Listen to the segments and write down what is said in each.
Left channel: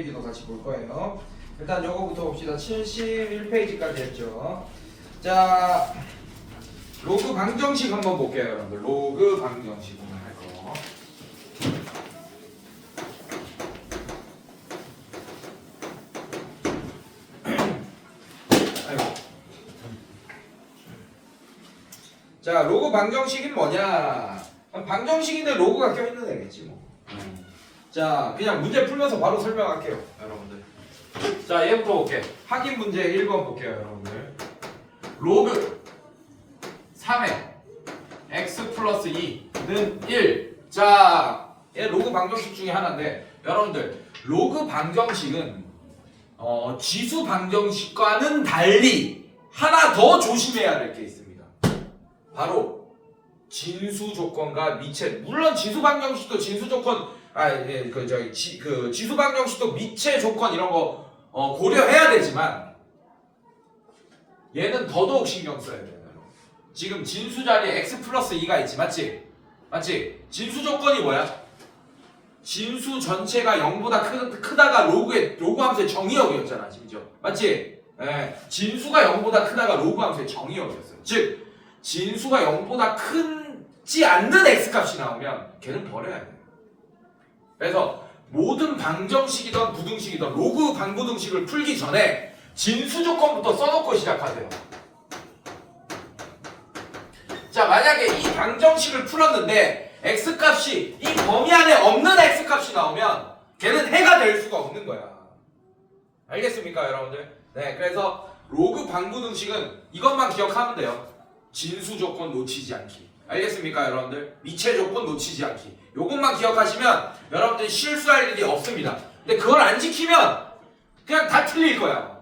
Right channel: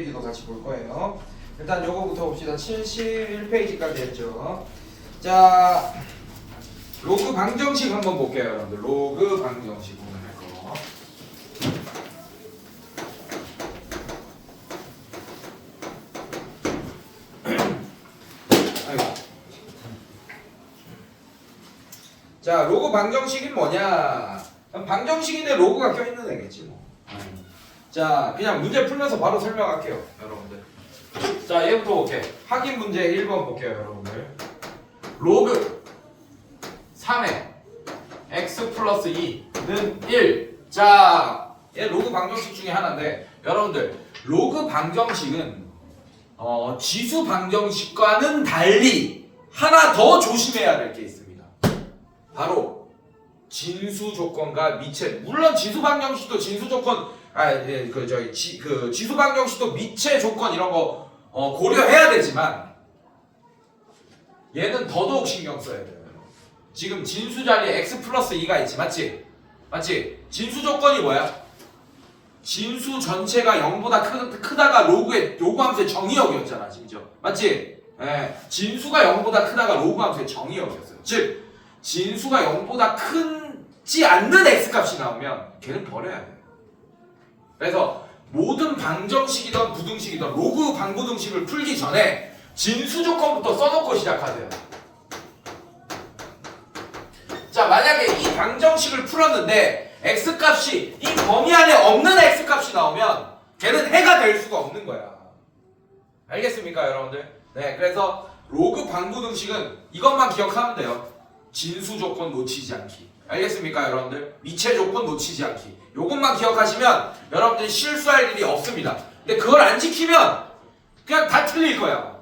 페이지도 같이 볼 거예요. 일단 요거부터 봅시다. 71페이지까지 했죠. 자, 로그 방정식 한번 볼게요, 여러분들. 로그 방정식 오늘 할 거. 아이고. 자, 로그 방정식이 뭐냐? 방정식인데 로그가 껴있는 애겠지 뭐. 자, 그냥 문제 풀면서 바로 설명할게요, 여러분들. 자, 얘부터 볼게요. 확인 문제 1번 볼게요, 여러분들. 로그 3의 x 플러스 2는 1. 자, 얘 로그 방정식 중에 하나인데, 여러분들, 로그 방정식은 지수 방정식과는 달리 하나 더 조심해야 될 게 있습니다. 바로 진수 조건과 미체. 물론 지수 방정식도 진수 조건, 지수 방정식도 미체 조건 이런 거 고려해야 되지만 얘는 더더욱 신경 써야 돼요. 지금 진수 자리에 x 플러스 2가 있지, 맞지? 맞지? 진수 조건이 뭐야? 진수 전체가 0보다 크다가 로그 함수의 정의역이었잖아, 지금. 맞지? 예, 진수가 0보다 크다가 로그 함수의 정의역이었어요. 즉, 진수가 0보다 크지 않는 x값이 나오면 걔는 버려야 돼요. 그래서 모든 방정식이든 부등식이든 로그 방부등식을 풀기 전에 진수 조건부터 써놓고 시작하세요. 자, 만약에 이 방정식을 풀었는데 x값이 이 범위 안에 없는 x값이 나오면 걔는 해가 될 수가 없는 거야. 알겠습니까, 여러분들? 네, 그래서 로그 방부등식은 이것만 기억하면 돼요. 진수 조건 놓치지 않기. 알겠습니까, 여러분들? 미체 조건 놓치지 않기. 요것만 기억하시면 여러분들 실수할 일이 없습니다. 근데 그걸 안 지키면 그냥 다 틀릴 거야.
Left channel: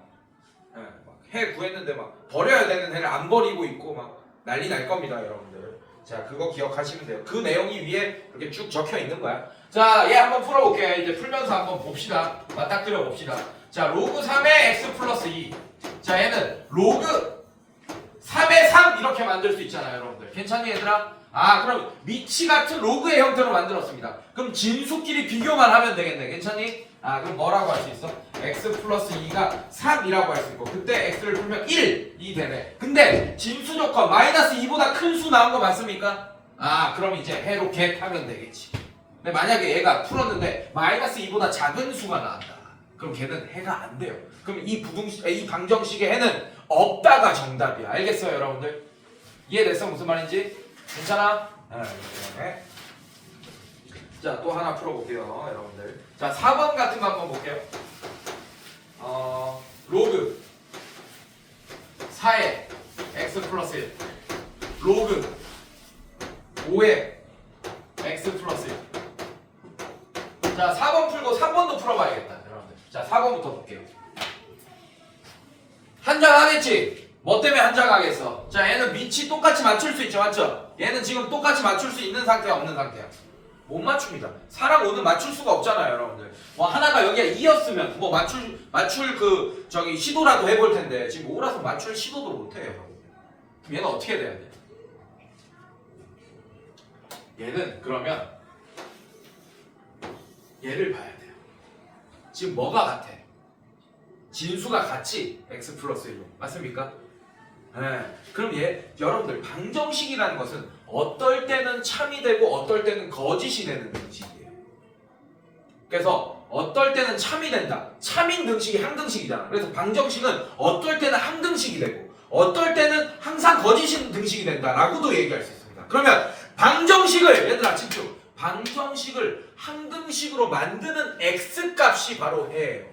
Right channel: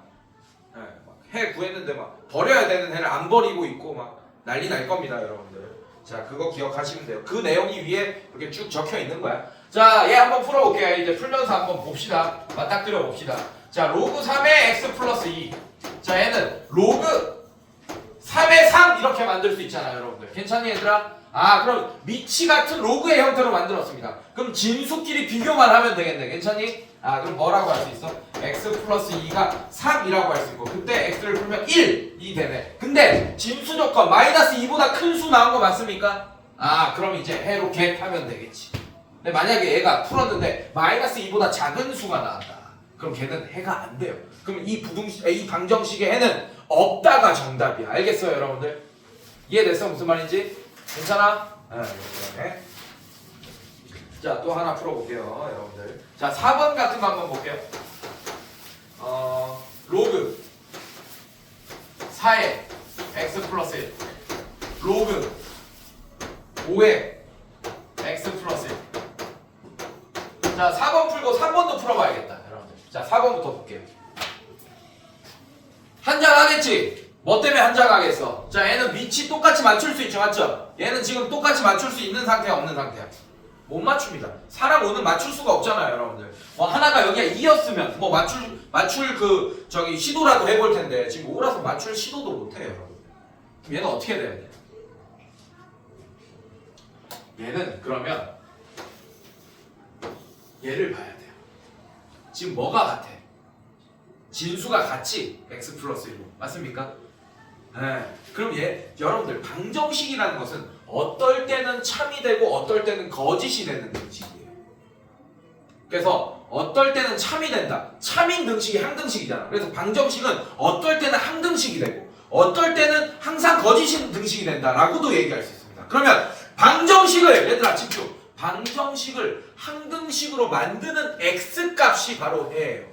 네, 해 구했는데 막 버려야 되는 해를 안 버리고 있고 막 난리 날 겁니다, 여러분들. 자, 그거 기억하시면 돼요. 그 내용이 위에 이렇게 쭉 적혀 있는 거야. 자, 얘 한번 풀어볼게요. 이제 풀면서 한번 봅시다. 맞닥뜨려 봅시다. 자, 로그 3의 x 플러스 2. 자, 얘는 로그 3의 3 이렇게 만들 수 있잖아요, 여러분들. 괜찮니, 얘들아? 아, 그럼 미치 같은 로그의 형태로 만들었습니다. 그럼 진수끼리 비교만 하면 되겠네. 괜찮니? 아, 그럼 뭐라고 할 수 있어? x 플러스 2가 3이라고 할 수 있고, 그때 x를 풀면 1이 되네. 근데 진수 조건 마이너스 2보다 큰 수 나온 거 맞습니까? 아, 그럼 이제 해로 겟하면 되겠지. 근데 만약에 얘가 풀었는데 마이너스 2보다 작은 수가 나왔다. 그럼 걔는 해가 안 돼요. 그럼 이 방정식의 해는 없다가 정답이야. 알겠어요, 여러분들? 이해됐어? 무슨 말인지? 괜찮아? 네. 자, 또 하나 풀어볼게요, 여러분들. 자, 4번 같은 거 한번 볼게요. 로그 4의 x 플러스 1 로그 5의 x 플러스 1. 자, 4번 풀고 3번도 풀어봐야겠다, 여러분들. 자, 4번부터 볼게요. 한장하겠지? 뭐 때문에 한장하겠어? 자, 얘는 밑이 똑같이 맞출 수 있죠, 맞죠? 얘는 지금 똑같이 맞출 수 있는 상태야, 없는 상태야? 못 맞춥니다. 4랑 5는 맞출 수가 없잖아요, 여러분들. 뭐 하나가 여기가 2였으면 뭐 맞출 시도라도 해볼 텐데 지금 5라서 맞출 시도도 못 해요, 여러분들. 그럼 얘는 어떻게 돼야 돼? 얘는 그러면 얘를 봐야 돼요. 지금 뭐가 같아? 진수가 같지? x 플러스 1로. 맞습니까? 네. 그럼 여러분들 방정식이라는 것은 어떨 때는 참이 되고 어떨 때는 거짓이 되는 등식이에요. 그래서 어떨 때는 참이 된다. 참인 등식이 항등식이잖아. 그래서 방정식은 어떨 때는 항등식이 되고 어떨 때는 항상 거짓인 등식이 된다라고도 얘기할 수 있습니다. 그러면 방정식을 얘들아 집중. 방정식을 항등식으로 만드는 x값이 바로 해예요.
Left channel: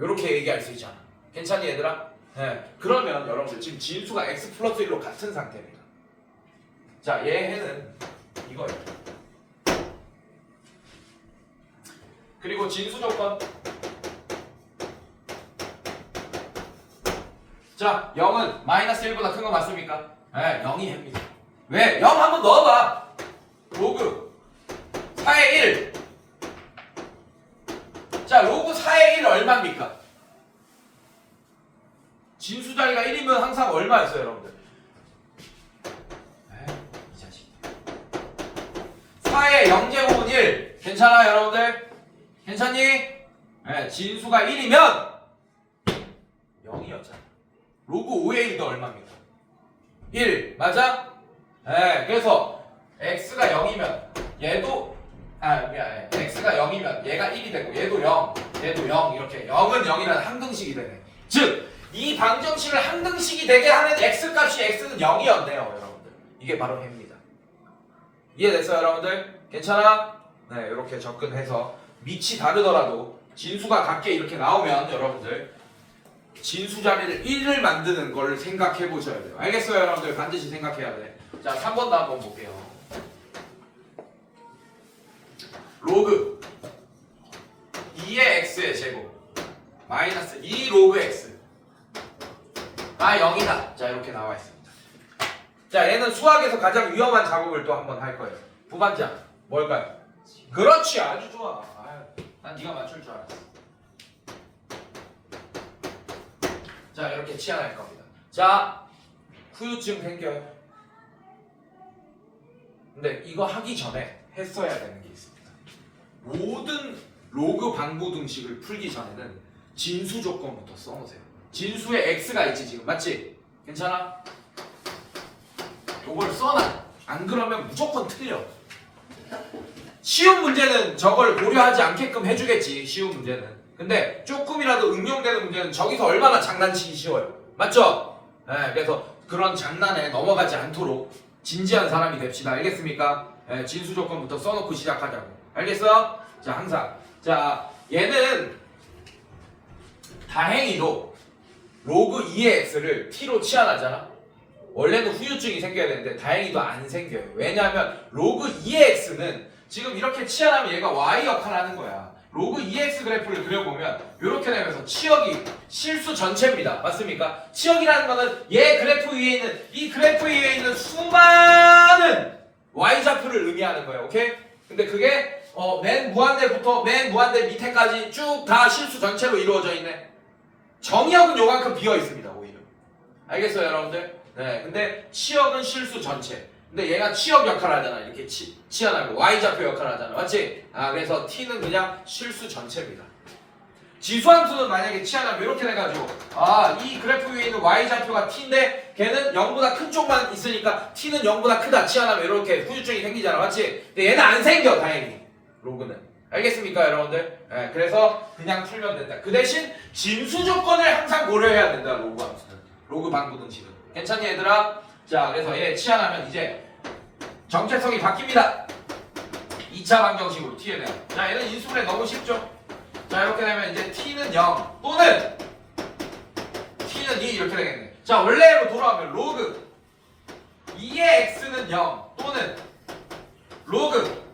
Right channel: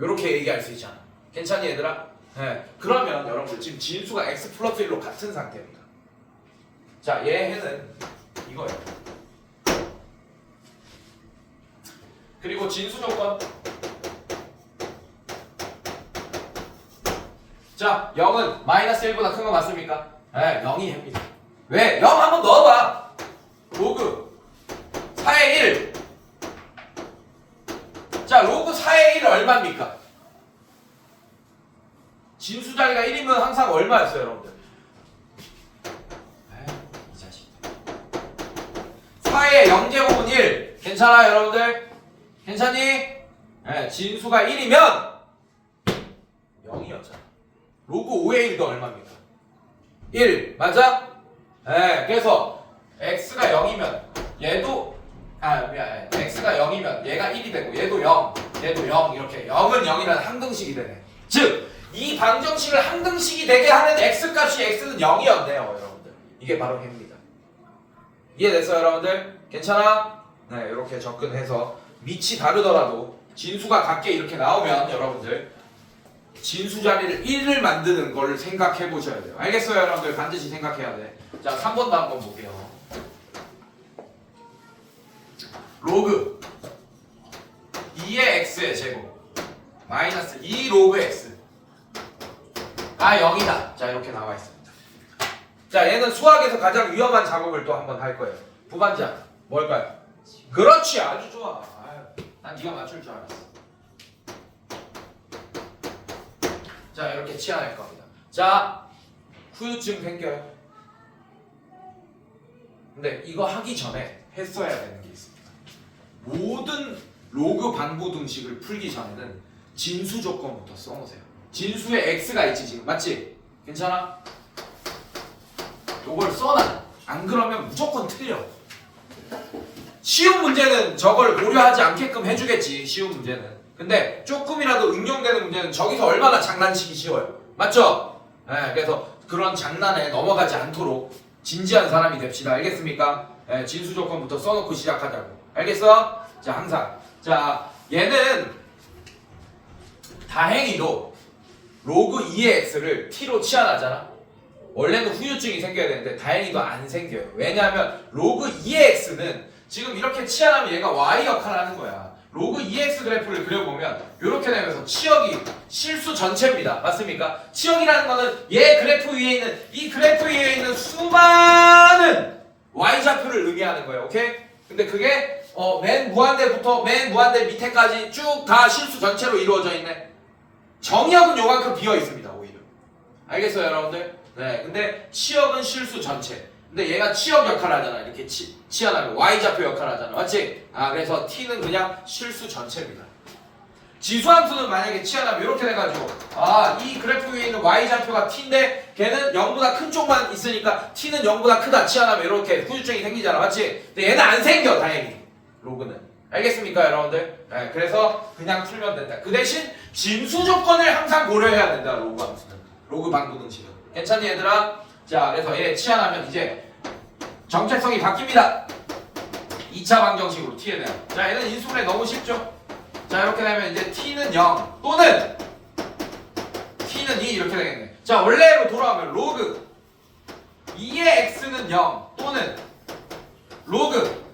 이렇게 얘기할 수 있잖아. 괜찮니, 얘들아? 네. 그러면 여러분들 지금 진수가 x 플러스 1로 같은 상태입니다. 자, 얘 해는 이거예요. 그리고 진수 조건. 자, 0은 마이너스 1보다 큰 거 맞습니까? 네, 0이 해입니다. 왜? 0 한번 넣어봐. 로그 4의 1. 자, 로그 4의 1 얼마입니까? 진수 자리가 1이면 항상 얼마였어요, 여러분들? 이 자식. 4의 0제곱은 1. 괜찮아요, 여러분들? 괜찮니? 진수가 1이면 0이었잖아. 로그 5의 1도 얼마입니까? 1 맞아? 그래서 x가 0이면 얘도 x가 0이면 얘가 1이 되고 얘도 0 얘도 0 이렇게 0은 0이라는 항등식이 되네. 즉 이 방정식을 항등식이 되게 하는 x값이 x는 0이었네요 여러분들. 이게 바로 해입니다. 이해됐어요 여러분들? 괜찮아? 네 이렇게 접근해서 밑이 다르더라도 진수가 같게 이렇게 나오면 여러분들 진수 자리를 1을 만드는 걸 생각해 보셔야 돼요. 알겠어요 여러분들? 반드시 생각해야 돼. 자 3번도 한번 볼게요. 로그 2의 x의 제곱 마이너스 2 로그 x가 0이다. 자 이렇게 나와 있습니다. 자 얘는 수학에서 가장 위험한 작업을 또 한번 할 거예요. 부반장 뭘까요? 그렇지 아주 좋아. 난 네가 맞출 줄 알았어. 자 이렇게 치환할 겁니다. 자 후유증 생겨요. 근데 이거 하기 전에 했어야 되는 게 있습니다. 모든 로그 방부등식을 풀기 전에는 진수 조건부터 써놓으세요. 진수에 x가 있지 지금 맞지? 괜찮아? 요걸 써놔. 안 그러면 무조건 틀려. 쉬운 문제는 저걸 고려하지 않게끔 해주겠지. 쉬운 문제는. 근데 조금이라도 응용되는 문제는 저기서 얼마나 장난치기 쉬워요. 맞죠? 그래서 그런 장난에 넘어가지 않도록 진지한 사람이 됩시다. 알겠습니까? 진수 조건부터 써놓고 시작하자고. 알겠어? 자 항상 자 얘는 다행히도 로그 2의 x를 t로 치환하잖아. 원래는 후유증이 생겨야 되는데 다행히도 안 생겨요. 왜냐하면 로그 2의 x는 지금 이렇게 치환하면 얘가 y 역할을 하는 거야. 로그 2x 그래프를 그려보면 이렇게 되면서 치역이 실수 전체입니다. 맞습니까? 치역이라는 거는 얘 그래프 위에 있는 이 그래프 위에 있는 수많은 y좌표를 의미하는 거예요. 오케이? 근데 그게 맨 무한대부터 맨 무한대 밑에까지 쭉 다 실수 전체로 이루어져 있네. 정역은 요만큼 비어 있습니다. 오히려. 알겠어요 여러분들? 네. 근데 치역은 실수 전체. 근데 얘가 치역 역할을 하잖아. 이렇게 치환하면 y좌표 역할을 하잖아. 맞지? 그래서 t는 그냥 실수 전체입니다. 지수함수는 만약에 치환하면 이렇게 돼가지고 이 그래프 위에 있는 y좌표가 t인데 걔는 0보다 큰 쪽만 있으니까 t는 0보다 크다. 치환하면 이렇게 후유증이 생기잖아. 맞지? 근데 얘는 안 생겨 다행히. 로그는. 알겠습니까 여러분들? 그래서 그냥 풀면 된다. 그 대신 진수 조건을 항상 고려해야 된다. 로그 함수는. 로그 방부등식은. 괜찮니 얘들아? 자 그래서 얘 치환하면 이제 정체성이 바뀝니다. 2차 방정식으로 t에 대한. 자 얘는 인수분해 너무 쉽죠? 자 이렇게 되면 이제 t는 0 또는 t는 2 이렇게 되겠네. 자 원래로 돌아오면 로그 2의 x는 0 또는 로그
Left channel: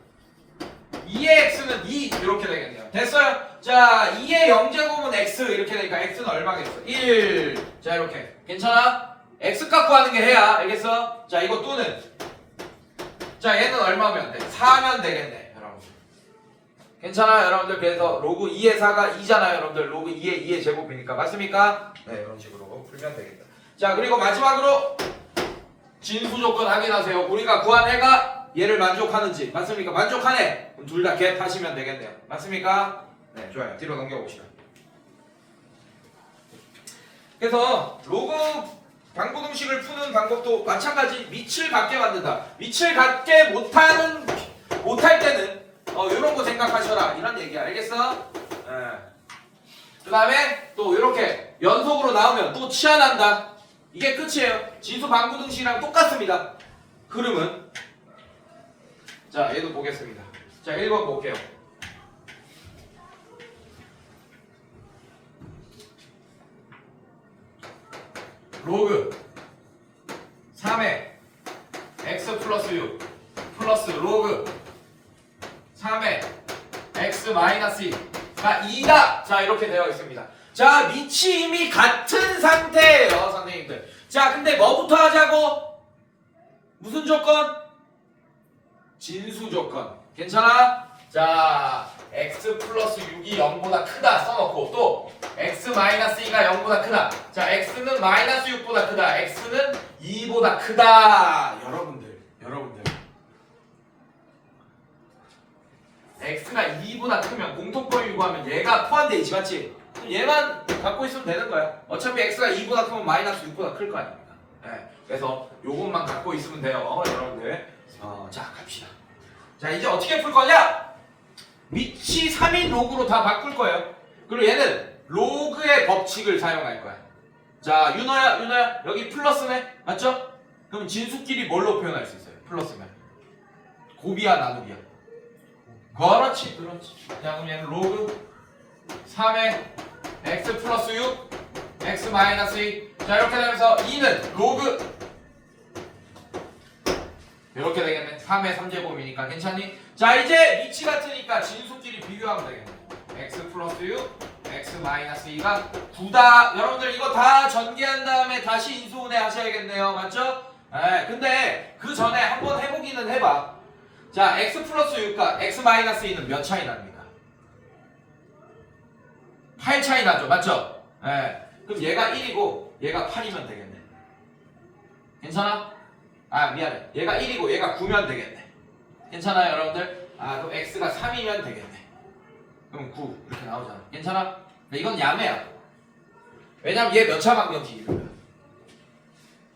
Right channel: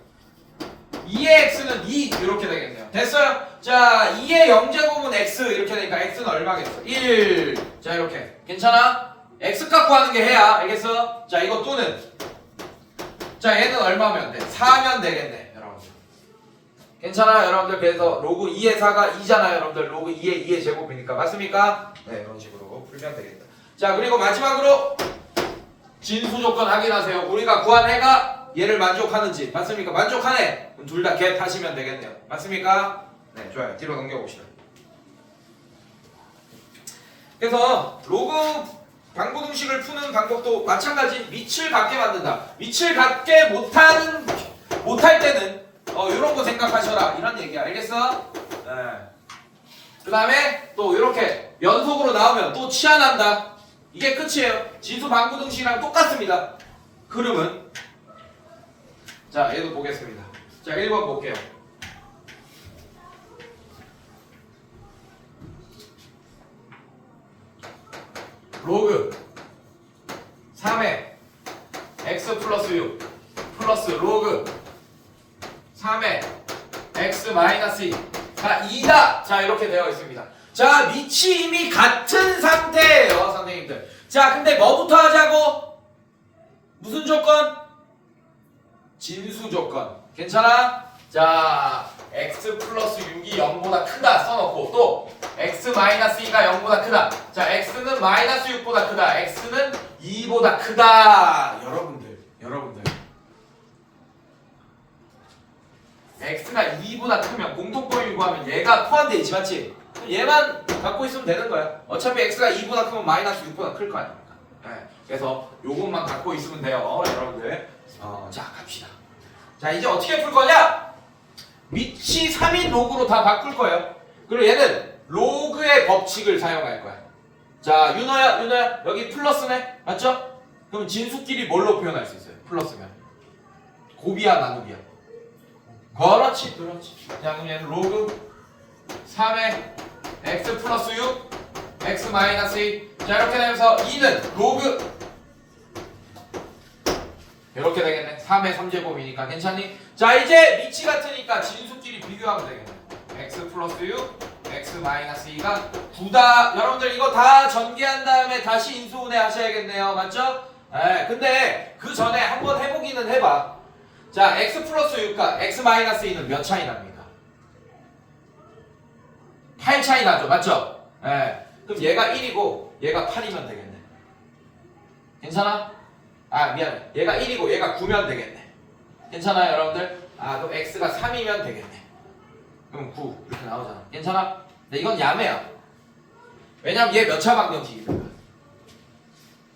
2의 x는 2 이렇게 되겠네요. 됐어요? 자 2의 0제곱은 x 이렇게 되니까 x는 얼마겠어? 1. 자 이렇게. 괜찮아? x값 구하는 게 해야. 알겠어? 자 이거 또는 자 얘는 얼마면 돼? 4면 되겠네 여러분들. 괜찮아 여러분들? 그래서 로그 2의 4가 2잖아요 여러분들. 로그 2의 2의 제곱이니까. 맞습니까? 네 이런 식으로 풀면 되겠다. 자 그리고 마지막으로 진수 조건 확인하세요. 우리가 구한 해가 얘를 만족하는지. 맞습니까? 만족하네. 둘 다 갭하시면 되겠네요. 맞습니까? 네 좋아요. 뒤로 넘겨봅시다. 그래서 로그 방부등식을 푸는 방법도 마찬가지. 밑을 같게 만든다. 밑을 같게 못할 때는 이런 거 생각하셔라 이런 얘기야. 알겠어? 그 다음에 또 이렇게 연속으로 나오면 또 치환한다. 이게 끝이에요. 진수 방부등식이랑 똑같습니다. 흐름은. 자 얘도 보겠습니다. 자 1번 볼게요. 로그 3의 x 플러스 6 플러스 로그 3의 x 마이너스 2가 2다. 자 이렇게 되어 있습니다. 자 밑이 이미 같은 상태예요 선생님들. 자 근데 뭐부터 하자고? 무슨 조건? 진수 조건. 괜찮아? 자 x 플러스 6이 0보다 크다 써놓고 또 x 마이너스 2가 0보다 크다. 자 x는 마이너스 6보다 크다. x는 2보다 크다. 여러분들 x가 2보다 크면 공통범위 구하면 얘가 포함되어 있지 맞지? 그럼 얘만 갖고 있으면 되는 거야. 어차피 x가 2보다 크면 마이너스 6보다 클 거 아닙니까? 네. 그래서 요것만 갖고 있으면 돼요 여러분들. 자 갑시다. 자 이제 어떻게 풀 거냐? 밑이 3인 로그로 다 바꿀 거예요. 그리고 얘는 로그의 법칙을 사용할 거야. 자 윤호야 여기 플러스네 맞죠? 그럼 진수끼리 뭘로 표현할 수 있어요? 플러스면 곱이야 나누기야? 그렇지. 자 그럼 얘는 로그 3의 x 플러스 6 x 마이너스 2. 자 이렇게 되면서 2는 로그 이렇게 되겠네. 3의 3제곱이니까 괜찮니? 자 이제 밑이 같으니까 진수끼리 비교하면 되겠네. x 플러스 6 x 마이너스 2가 9다. 여러분들 이거 다 전개한 다음에 다시 인수분해 하셔야겠네요. 맞죠? 네, 근데 그 전에 한번 해보기는 해봐. 자 x 플러스 6과 x 마이너스 2는 몇 차이 납니까? 8 차이 나죠. 맞죠? 네. 그럼 얘가 1이고 얘가 8이면 되겠네. 괜찮아? 아 미안해. 얘가 1이고 얘가 9면 되겠네. 괜찮아요 여러분들? 아 그럼 x가 3이면 되겠네. 그럼 9 이렇게 나오잖아. 괜찮아? 근데 이건 야매야. 왜냐면 얘 몇 차 방정식입니까?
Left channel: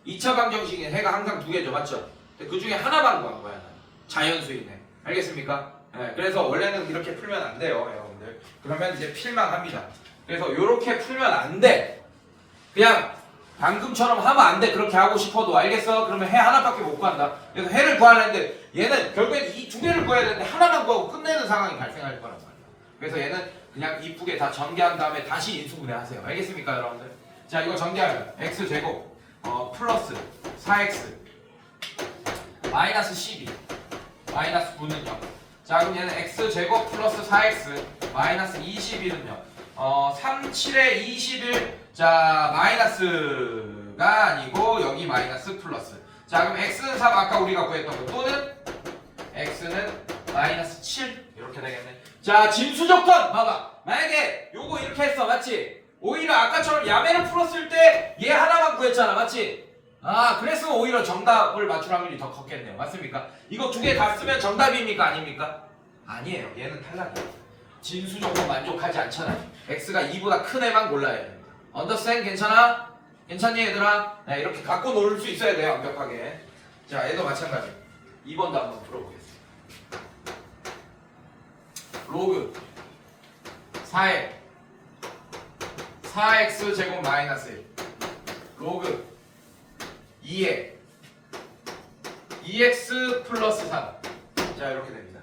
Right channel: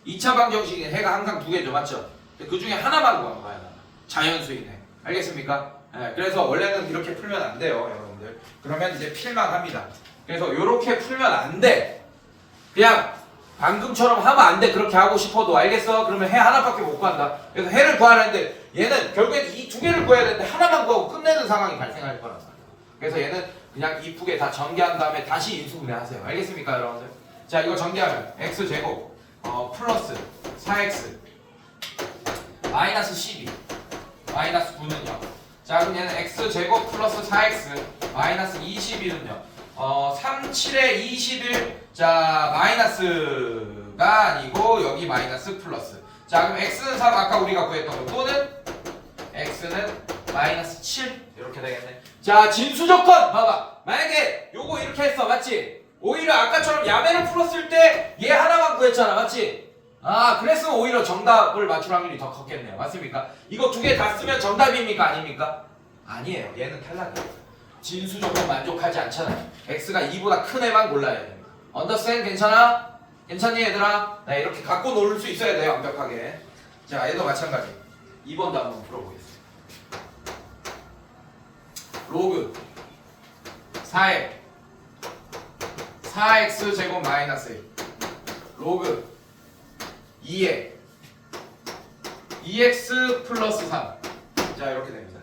2차 방정식은 해가 항상 2개죠. 맞죠? 그 중에 하나만 구한 거야. 자연수이네. 알겠습니까? 네, 그래서 원래는 이렇게 풀면 안 돼요 여러분들. 그러면 이제 필망합니다. 그래서 이렇게 풀면 안 돼. 그냥 방금처럼 하면 안 돼. 그렇게 하고 싶어도 알겠어? 그러면 해 하나밖에 못 구한다. 그래서 해를 구하는데 얘는 결국엔 이 2개를 구해야 되는데 하나만 구하고 끝내는 상황이 발생할 거란 말이야. 그래서 얘는 그냥 이쁘게 다 전개한 다음에 다시 인수분해 하세요. 알겠습니까 여러분들? 자 이거 전개하면 x제곱 플러스 4x 마이너스 12 마이너스 9는요. 자 그럼 얘는 x제곱 플러스 4x 마이너스 21은요. 3, 7에 21 자 마이너스가 아니고 여기 마이너스 플러스. 자 그럼 x는 3 아까 우리가 구했던 거 또는 x는 마이너스 7 이렇게 되겠네. 자 진수 조건 봐봐. 만약에 요거 이렇게 했어 맞지? 오히려 아까처럼 야매를 풀었을 때 얘 하나만 구했잖아 맞지? 아 그랬으면 오히려 정답을 맞출 확률이 더 컸겠네요. 맞습니까? 이거 두 개 다 쓰면 정답입니까 아닙니까? 아니에요. 얘는 탈락이에요. 진수 조건 만족하지 않잖아요. x가 2보다 큰 애만 골라야 돼요. 언더스탠 괜찮아? 괜찮니 얘들아? 네 이렇게 갖고 놀 수 있어야 돼요 완벽하게. 자 얘도 마찬가지. 2번도 한번 풀어보겠습니다. 로그 4의 4x 제곱 마이너스 1 로그 2의 2x 플러스 3. 자 이렇게 됩니다.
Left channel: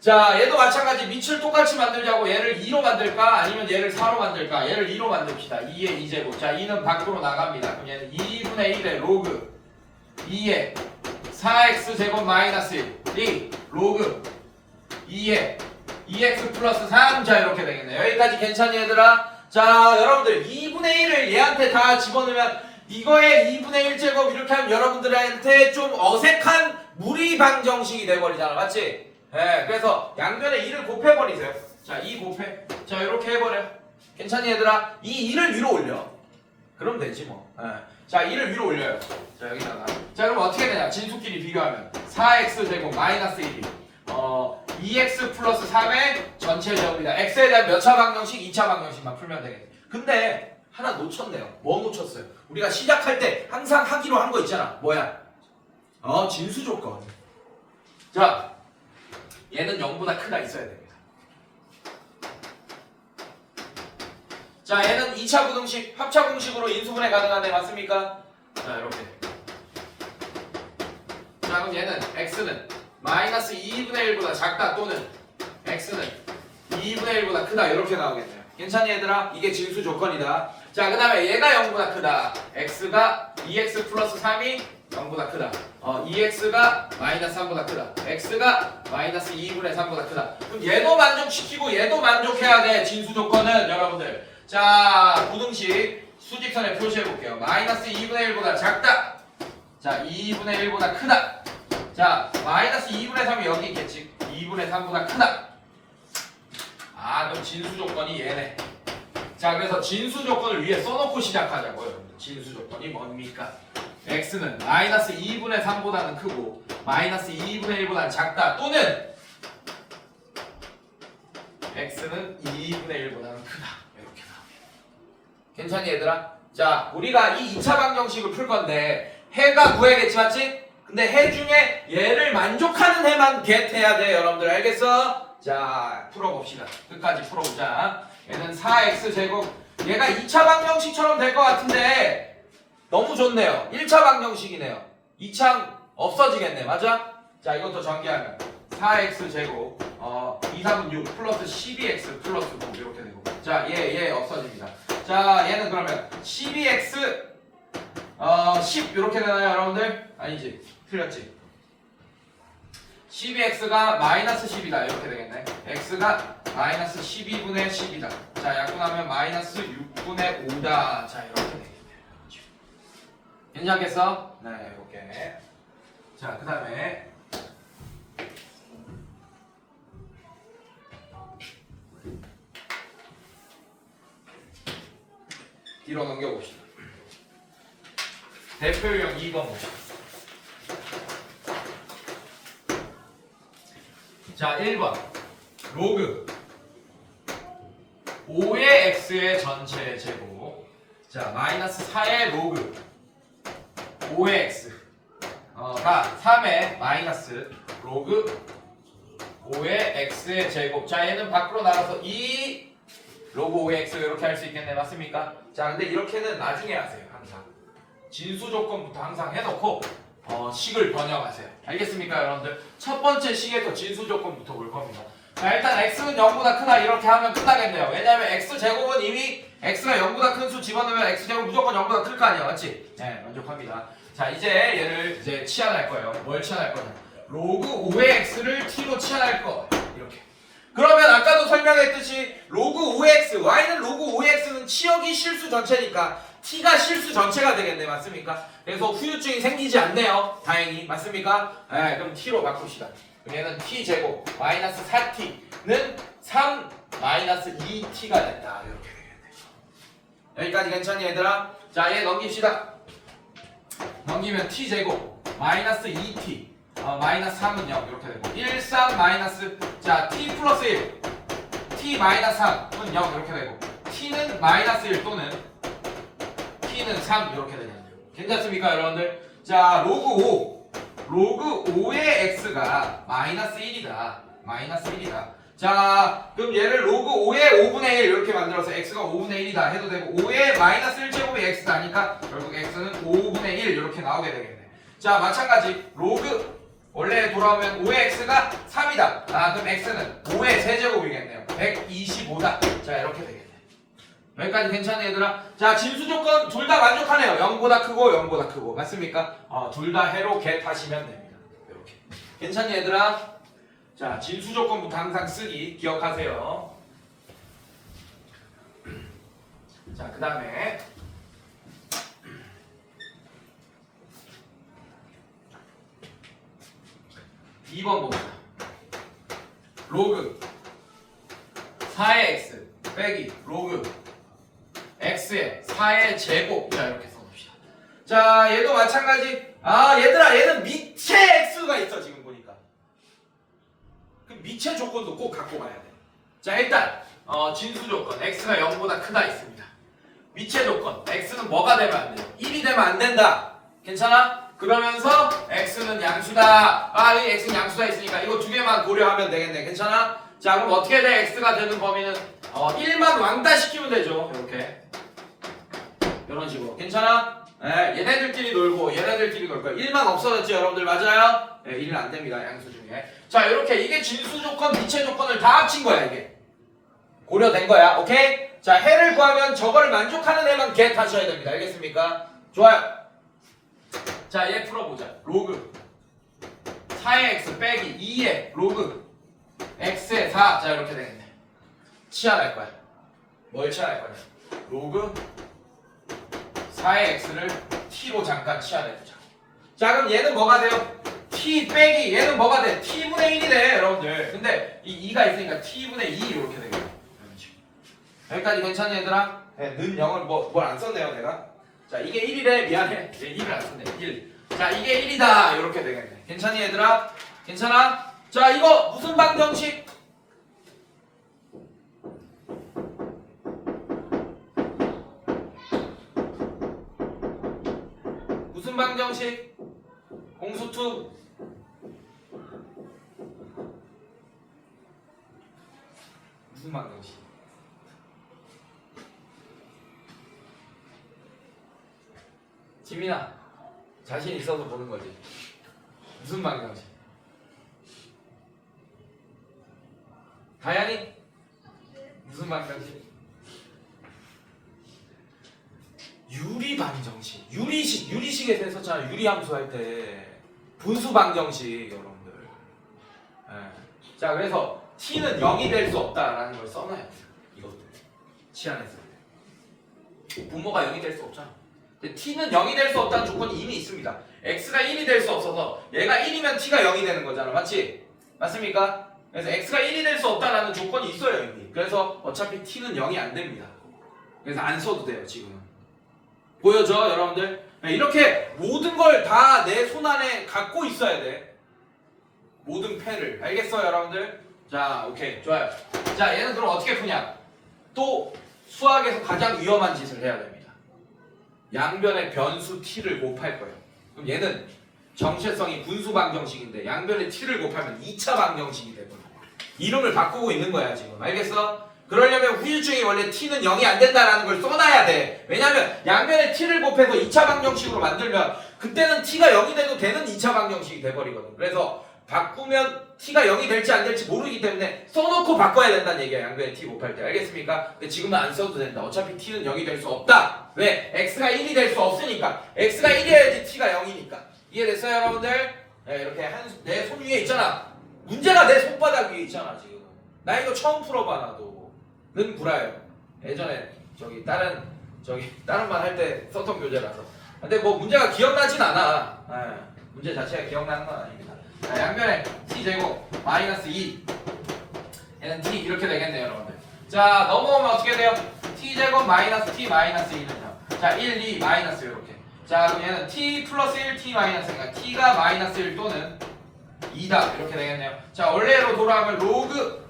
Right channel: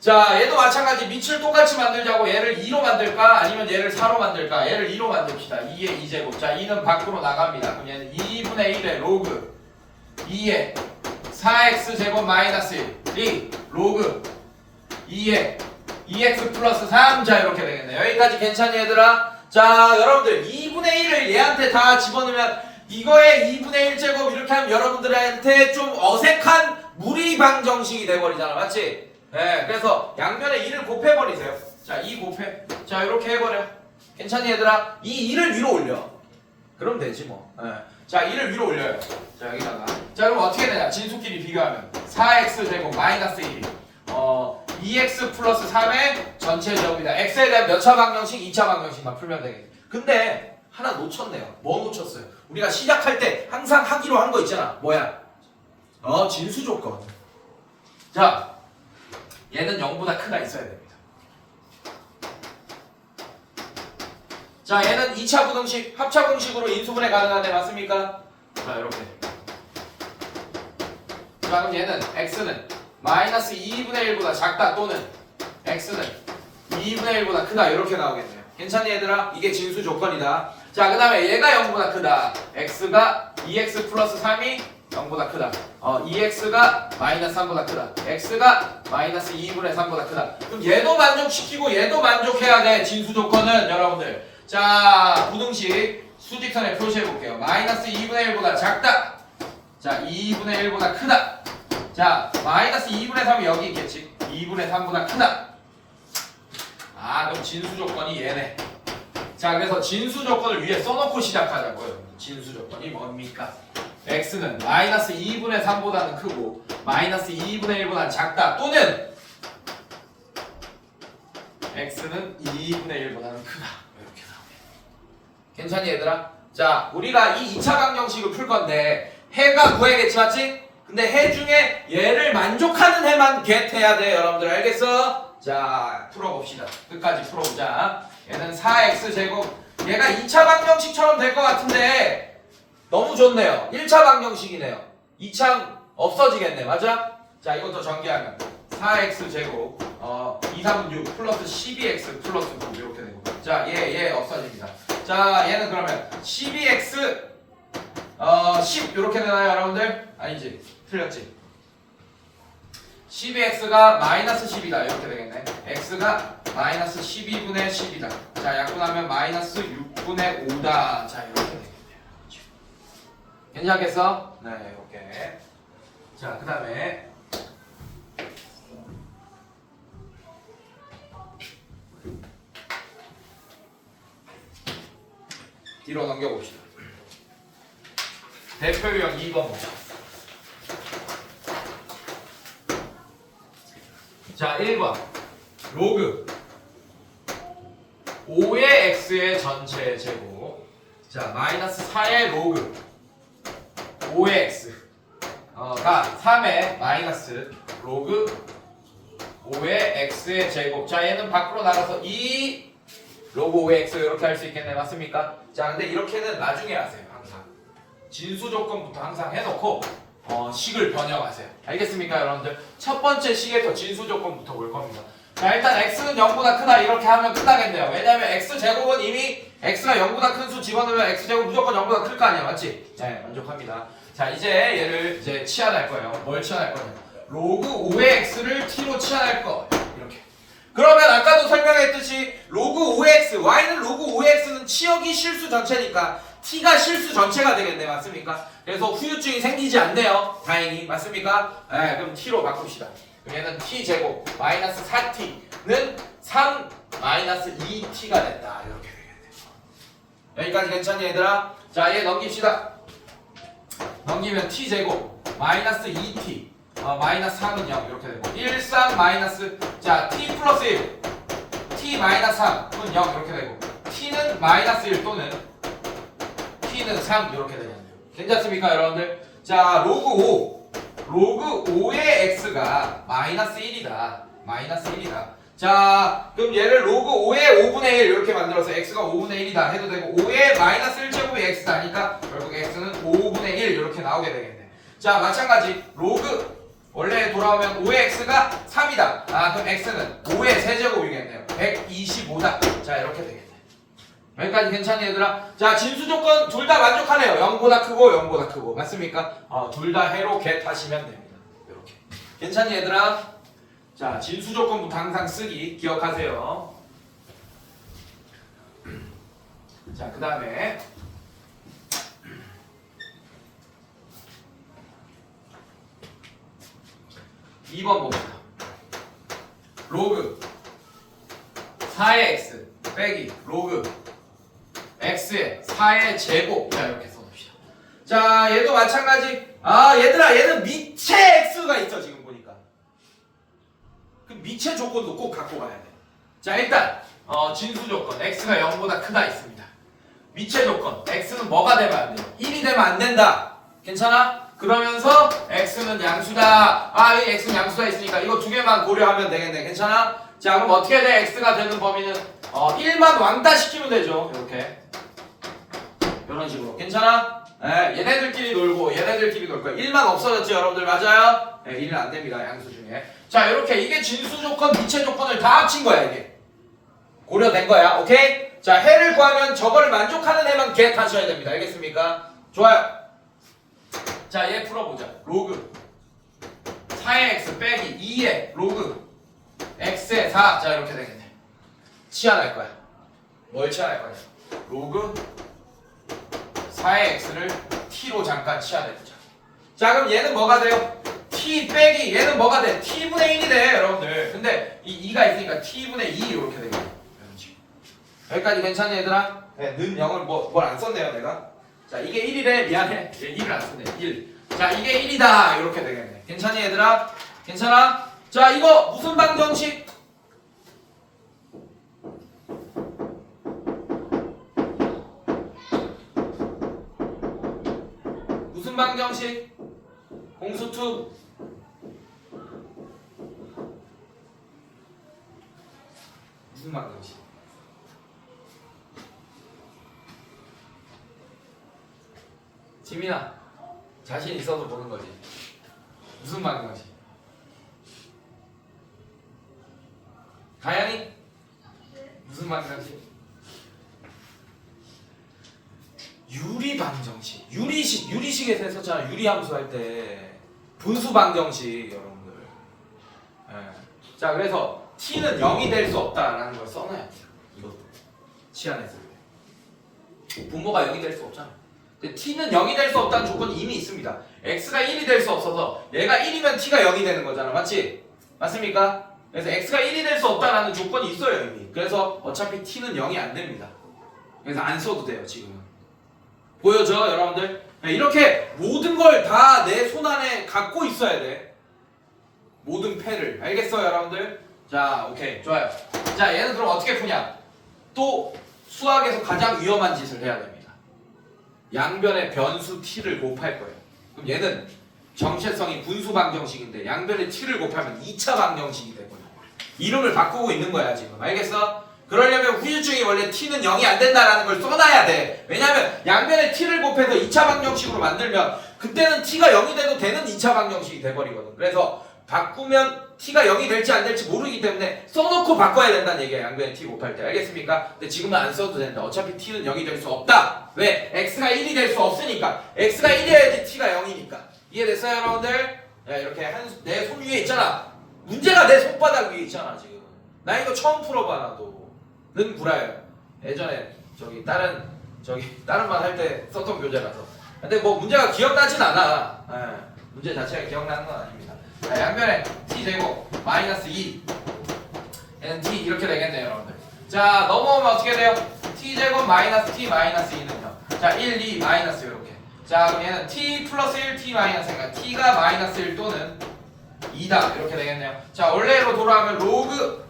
자 얘도 마찬가지. 밑을 똑같이 만들자고 얘를 2로 만들까 아니면 얘를 4로 만들까. 얘를 2로 만듭시다. 2의 2제곱. 자 2는 밖으로 나갑니다. 그럼 얘는 2분의 1의 로그 2의 4x 제곱 마이너스 1 2 로그 2의 2x 플러스 3. 자 이렇게 되겠네. 여기까지 괜찮니 얘들아? 자 여러분들 2분의 1을 얘한테 다 집어넣으면 이거의 2분의 1제곱 이렇게 하면 여러분들한테 좀 어색한 무리방정식이 돼버리잖아 맞지? 네, 그래서 양변에 2를 곱해버리세요. 자 2 곱해. 자 이렇게 해버려. 괜찮니 얘들아? 이 2를 위로 올려. 그럼 되지 뭐. 네. 자 2를 위로 올려요. 자 여기다가 자 그럼 어떻게 되냐? 진수끼리 비교하면 4x 제곱 마이너스 1이 2x 플러스 3의 전체 제곱이다. x에 대한 몇 차 방정식? 2차 방정식만 풀면 되겠네. 근데 하나 놓쳤네요. 뭐 놓쳤어요? 우리가 시작할 때 항상 하기로 한 거 있잖아. 뭐야? 진수 조건. 자 얘는 0보다 크다 있어야 됩니다. 자 얘는 2차 부등식, 합차 공식으로 인수분해 가능한데 맞습니까? 자 이렇게. 자 그럼 얘는 x는 마이너스 2분의 1보다 작다 또는 x는 2분의 1보다 크다 이렇게 나오겠네요. 괜찮니 얘들아? 이게 진수 조건이다. 자 그 다음에 얘가 0보다 크다. x가 2x 플러스 3이 0보다 크다. 2x가 마이너스 3보다 크다. x가 마이너스 2분의 3보다 크다. 그럼 얘도 만족시키고 얘도 만족해야 돼. 진수 조건은 여러분들. 자 부등식 수직선에 표시해볼게요. 마이너스 2분의 1보다 작다. 자 2분의 1보다 크다. 자 마이너스 2분의 3이 여기 있겠지. 2분의 3보다 크다. 아 그럼 진수 조건이 얘네. 자 그래서 진수 조건을 위에 써놓고 시작하자고요. 진수 조건이 뭡니까? x는 마이너스 2분의 3보다는 크고 마이너스 2분의 1보다는 작다 또는 x는 2분의 1보다는 크다. 이렇게 나오네. 괜찮니 얘들아? 자, 우리가 이 2차 방정식을 풀 건데 해가 구해야겠지 맞지? 근데 해 중에 얘를 만족하는 해만 get해야 돼 여러분들 알겠어? 자, 풀어봅시다. 끝까지 풀어보자. 얘는 4x제곱 얘가 2차 방정식처럼 될 것 같은데 너무 좋네요. 1차 방정식이네요. 2차 없어지겠네. 맞아? 자, 이것도 전개하면 4x제곱 2, 3은 6 플러스 12x 플러스 9 이렇게 되고 자, 얘 없어집니다. 자, 얘는 그러면 12x 10 이렇게 되나요 여러분들? 아니지. 틀렸지. 12x가 마이너스 10이다 이렇게 되겠네. x가 마이너스 12분의 10이다. 자, 약분하면 마이너스 6분의 5다. 자, 이렇게 되겠네요. 괜찮겠어? 네, 이렇게. 자, 그 다음에 뒤로 넘겨봅시다. 대표 유형 2번 보자. 자, 1번 로그 5의 x의 전체 제곱 자, 마이너스 4의 로그 5의 x가 3의 마이너스 로그 5의 x의 제곱 자, 얘는 밖으로 나가서 2 로그 5의 x 이렇게 할 수 있겠네. 맞습니까? 자, 근데 이렇게는 나중에 하세요. 항상 진수 조건부터 항상 해놓고 식을 변형하세요. 알겠습니까 여러분들? 첫 번째 식에서 진수 조건부터 올 겁니다. 자, 일단 x는 0보다 크다 이렇게 하면 끝나겠네요. 왜냐면 x제곱은 이미 x가 0보다 큰 수 집어넣으면 x제곱 무조건 0보다 클 거 아니야. 맞지? 네, 만족합니다. 자, 이제 얘를 이제 치환할 거예요. 뭘 치환할 거냐? 로그 5의 x를 t로 치환할 거. 이렇게. 그러면 아까도 설명했듯이 로그 5의 x, y는 로그 5의 x는 치역이 실수 전체니까 t가 실수 전체가 되겠네. 맞습니까? 그래서 후유증이 생기지 않네요. 다행히. 맞습니까? 네, 그럼 t로 바꿉시다. 그럼 얘는 t제곱 마이너스 4t는 3 마이너스 2t가 됐다. 이렇게 되겠네. 여기까지 괜찮니 얘들아? 자, 얘 넘깁시다. 넘기면 t제곱 마이너스 2t 마이너스 3은 0 이렇게 되고 1, 3 마이너스 자 t 플러스 1 t 마이너스 3은 0 이렇게 되고 t는 마이너스 1 또는 t는 3 이렇게 되겠네요. 괜찮습니까 여러분들? 자, 로그 5의 x가 마이너스 1이다. 마이너스 1이다. 자, 그럼 얘를 로그 5의 5분의 1 이렇게 만들어서 x가 5분의 1이다 해도 되고 5의 마이너스 1제곱이 x다니까 결국 x는 5분의 1 이렇게 나오게 되겠네. 자, 마찬가지 로그 원래 돌아오면 5의 x가 3이다. 아, 그럼 x는 5의 세제곱이겠네요. 125다. 자, 이렇게 되겠네. 여기까지 괜찮니 얘들아? 자, 진수 조건 둘 다 만족하네요. 0보다 크고 0보다 크고. 맞습니까? 둘 다 해로 get 하시면 됩니다. 이렇게. 괜찮니 얘들아? 자, 진수 조건부터 항상 쓰기 기억하세요. 자, 그 다음에 2번 봅시다. 로그 4의 x 빼기 로그 x의 4의 제곱 자, 이렇게 써놓읍시다. 자, 얘도 마찬가지. 아, 얘들아, 얘는 미체 x가 있어 지금 보니까. 그 미체 조건도 꼭 갖고 가야 돼. 자, 일단 진수 조건 x가 0보다 크다 있습니다. 미체 조건 x는 뭐가 되면 안 돼요? 1이 되면 안 된다. 괜찮아? 그러면서 x는 양수다. 아, 이 x는 양수다 있으니까 이거 두 개만 고려하면 되겠네. 괜찮아? 자, 그럼 어떻게 돼? x가 되는 범위는 1만 왕따 시키면 되죠. 이렇게 이런 식으로. 괜찮아? 네, 얘네들끼리 놀고 얘네들끼리 놀 거야. 1만 없어졌지 여러분들. 맞아요? 네, 1은 안 됩니다. 양수 중에. 자, 이렇게 이게 진수 조건, 미체 조건을 다 합친 거야. 이게 고려된 거야. 오케이? 자, 해를 구하면 저거를 만족하는 해만 get 하셔야 됩니다. 알겠습니까? 좋아요. 자, 얘 풀어보자. 로그 4의 x 빼기 2의 로그 x의 4. 자, 이렇게 되겠네. 치환할 거야. 뭘 치환할 거냐? 로그 4의 x를 t로 잠깐 치환해보자. 자, 그럼 얘는 뭐가 돼요? t 빼기 얘는 뭐가 돼? t분의 1이 돼 여러분들. 근데 이 2가 있으니까 t분의 2 이렇게 되겠네. 여기까지 괜찮니 얘들아? 네, 는 0을 뭘 안 썼네요 내가. 자 이게 1이래. 미안해. 1을 안 썼네. 1. 자 이게 1이다. 이렇게 되겠네. 괜찮니 얘들아? 괜찮아? 자 이거 무슨 방정식? 무슨 방정식? 공수투 무슨 방정식? 지민아 자신 있어도 보는 거지. 무슨 방정식? 가연이 무슨 방정식? 유리 방정식. 유리식에서 했었잖아. 유리함수 할 때 분수 방정식 여러분들. 예. 자 그래서 t는 0이 될 수 없다라는 걸 써놔야 돼요. 이것도 치환했을 때 분모가 0이 될 수 없잖아. 근데 t는 0이 될 수 없다는 조건이 이미 있습니다. x가 1이 될 수 없어서 얘가 1이면 t가 0이 되는 거잖아. 맞지? 맞습니까? 그래서 x가 1이 될 수 없다라는 조건이 있어요 이미. 그래서 어차피 t는 0이 안 됩니다. 그래서 안 써도 돼요 지금은. 보여줘 여러분들? 이렇게 모든 걸 다 내 손 안에 갖고 있어야 돼. 모든 패를. 알겠어요 여러분들? 자 오케이 좋아요. 자 얘는 그럼 어떻게 푸냐? 또 수학에서 가장 위험한 짓을 해야 됩니다. 양변의 변수 t를 곱할 거예요. 그럼 얘는 정체성이 분수 방정식인데 양변의 t를 곱하면 2차 방정식이 되거든요. 이름을 바꾸고 있는 거야 지금. 알겠어? 그러려면 후유증이 원래 t는 0이 안 된다라는 걸 써놔야 돼. 왜냐면 양변에 t를 곱해서 2차 방정식으로 만들면 그때는 t가 0이 돼도 되는 2차 방정식이 돼버리거든. 그래서 바꾸면 t가 0이 될지 안 될지 모르기 때문에 써놓고 바꿔야 된다는 얘기야. 양변에 t 곱할 때. 알겠습니까? 근데 지금은 안 써도 된다. 어차피 t는 0이 될 수 없다. 왜? x가 1이 될 수 없으니까. x가 1이어야지 t가 0이니까. 이해됐어요 여러분들? 네, 이렇게 내 손 위에 있잖아. 문제가 내 손바닥 위에 있잖아 지금. 나 이거 처음 풀어봐 나도. 는 구라예요. 예전에 다른 말 할 때 썼던 교재라서. 근데 뭐 문제가 기억나진 않아. 문제 자체가 기억나는 건 아닙니다. 양변에 t 제곱 마이너스 2 얘는 t 이렇게 되겠네요 여러분들. 자 넘어오면 어떻게 돼요? t 제곱 마이너스 t 마이너스 2는요. 자 1, 2 마이너스 이렇게. 자 그럼 얘는 t 플러스 1 t 마이너스 그러니까 t가 마이너스 1 또는 2다 이렇게 되겠네요. 자 원래로 돌아가면 로그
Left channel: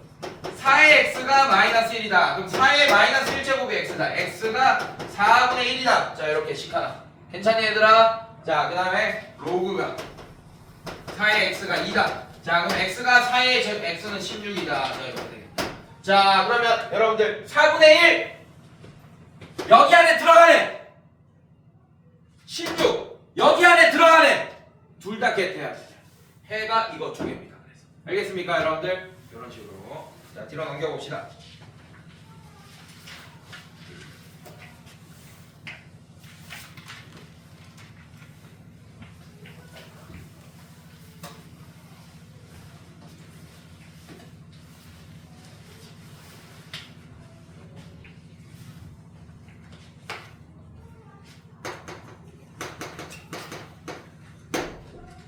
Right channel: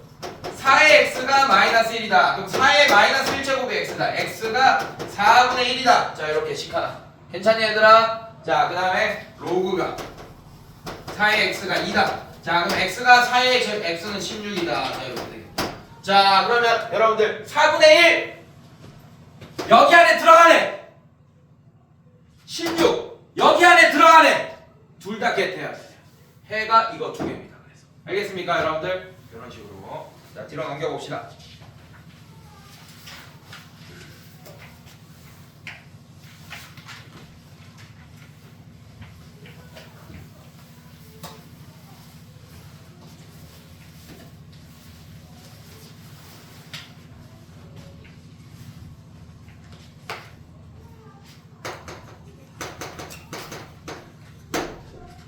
4의 x가 마이너스 1이다. 그럼 4의 마이너스 1제곱이 x다. x가 4분의 1이다. 자 이렇게 식 하나. 괜찮니 얘들아? 자 그 다음에 로그가 4의 x가 2다. 자 그럼 x가 4의 x는 16이다. 자 이렇게 되겠다. 자 그러면 여러분들 4분의 1 여기 안에 들어가네. 16 여기 안에 들어가네. 둘 다 겟해야 돼요. 해가 이거 두 개입니다. 그래서 알겠습니까 여러분들? 이런 식으로. 자 뒤로 넘겨봅시다.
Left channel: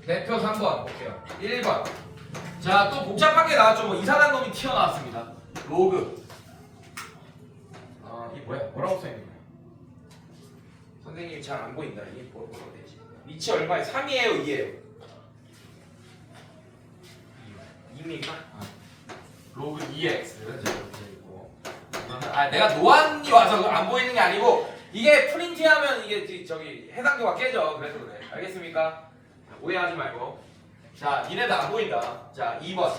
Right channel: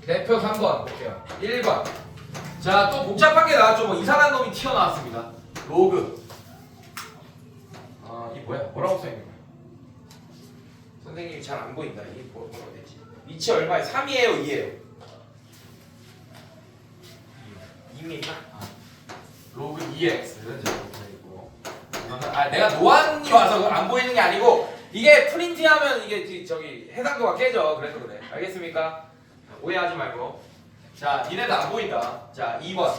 대표 3번 볼게요. 1번. 자, 또 복잡한 게 나왔죠. 뭐 이상한 놈이 튀어나왔습니다. 로그. 이 뭐라고 써있는 거야? 선생님이 잘 안 보인다. 이게 뭐라고 되지? 위치 얼마에? 3이에요, 2예요? 2입니까? 로그 2x. 내가 노안이 와서 안 보이는 게 아니고 이게 프린트하면 이게 해상도가 깨져. 그래서 그래. 알겠습니까? 오해하지 말고. 자, 이래도 안 보인다. 자, 2번.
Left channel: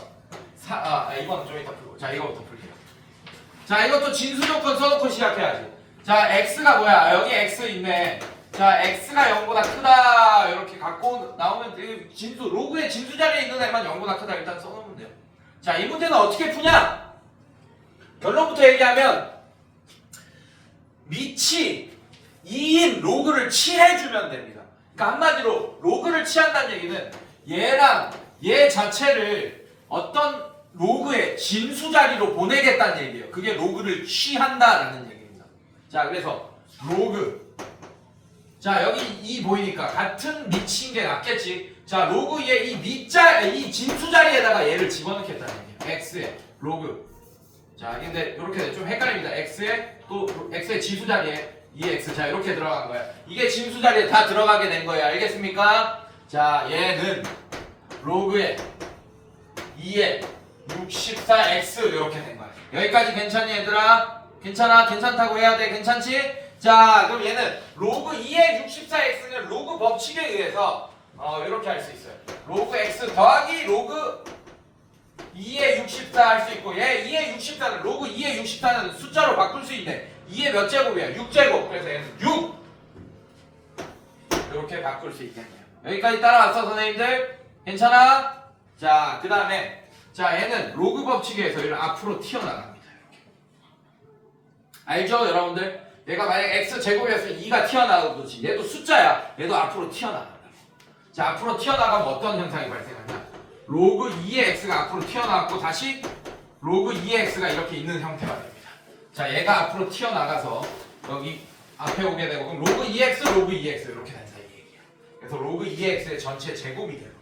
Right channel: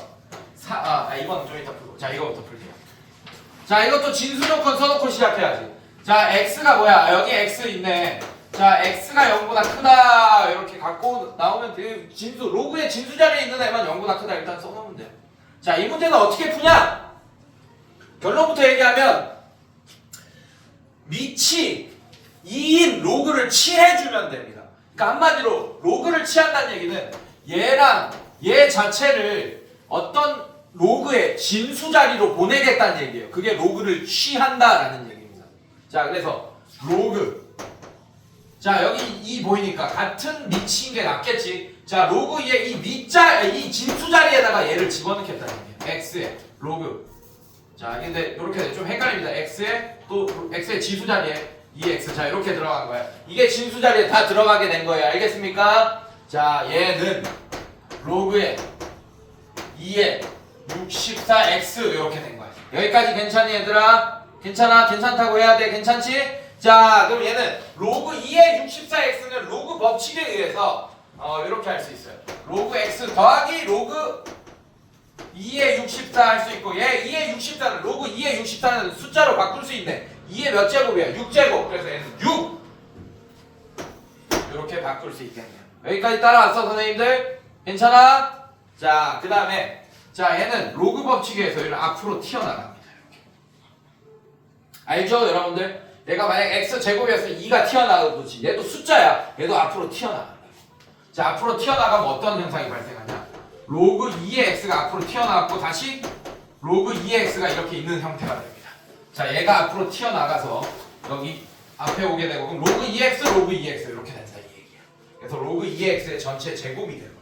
2번은 좀 이따 풀고. 자, 이거부터 풀게요. 자, 이것도 진수 조건 써놓고 시작해야지. 자, x가 뭐야? 여기 x 있네. 자, x가 0보다 크다. 이렇게 갖고 나오면 그 진수, 로그의 진수 자리에 있는 애만 0보다 크다. 일단 써놓으면 돼요. 자, 이 문제는 어떻게 푸냐? 결론부터 얘기하면 밑이 2인 로그를 취해주면 됩니다. 그러니까 한마디로 로그를 취한다는 얘기는 얘랑 얘 자체를 어떤 로그의 진수 자리로 보내겠다는 얘기예요. 그게 로그를 취한다라는 얘기입니다. 자, 그래서 로그. 자, 여기 2 보이니까 같은 밑인 게 낫겠지. 자, 로그 2의 이 진수 자리에다가 얘를 집어넣겠다는 얘기예요. x의 로그. 자, 근데 이렇게 좀 헷갈립니다. x의 지수 자리에 2x. 자, 이렇게 들어간 거야. 이게 진수 자리에 다 들어가게 된 거예요. 알겠습니까? 자, 얘는 로그에 2에 64x 이렇게 된 거야. 여기까지 괜찮니 얘들아? 괜찮아? 괜찮다고 해야 돼? 괜찮지? 자, 그럼 얘는 로그 2의 64x는 로그 법칙에 의해서 이렇게 할 수 있어요. 로그 x 더하기 로그 2의 64 할 수 있고, 얘 2의 64는 로그 2의 64는 숫자로 바꿀 수 있네. 2의 몇 제곱이야? 6제곱. 그래서 얘는 6 이렇게 바꿀 수 있겠네요. 여기까지 따라왔어 선생님들? 괜찮아? 자, 그 다음에 자, 얘는 로그 법칙에서 얘는 앞으로 튀어나갑니다. 이렇게. 알죠 여러분들? 얘가 만약 x제곱이어서 2가 튀어나오듯이 얘도 숫자야. 얘도 앞으로 튀어나간다. 자, 앞으로 튀어나가면 어떤 현상이 발생하냐? 로그 2의 x가 앞으로 튀어나왔고 다시 로그 2의 x가 이렇게 있는 형태가 됩니다. 자, 얘가 앞으로 튀어나가서 여기 앞에 오게 되고, 그럼 로그 2x, 로그 2x 이렇게 된다 이 얘기야. 그래서 로그 2x의 전체 제곱이 돼버리네요.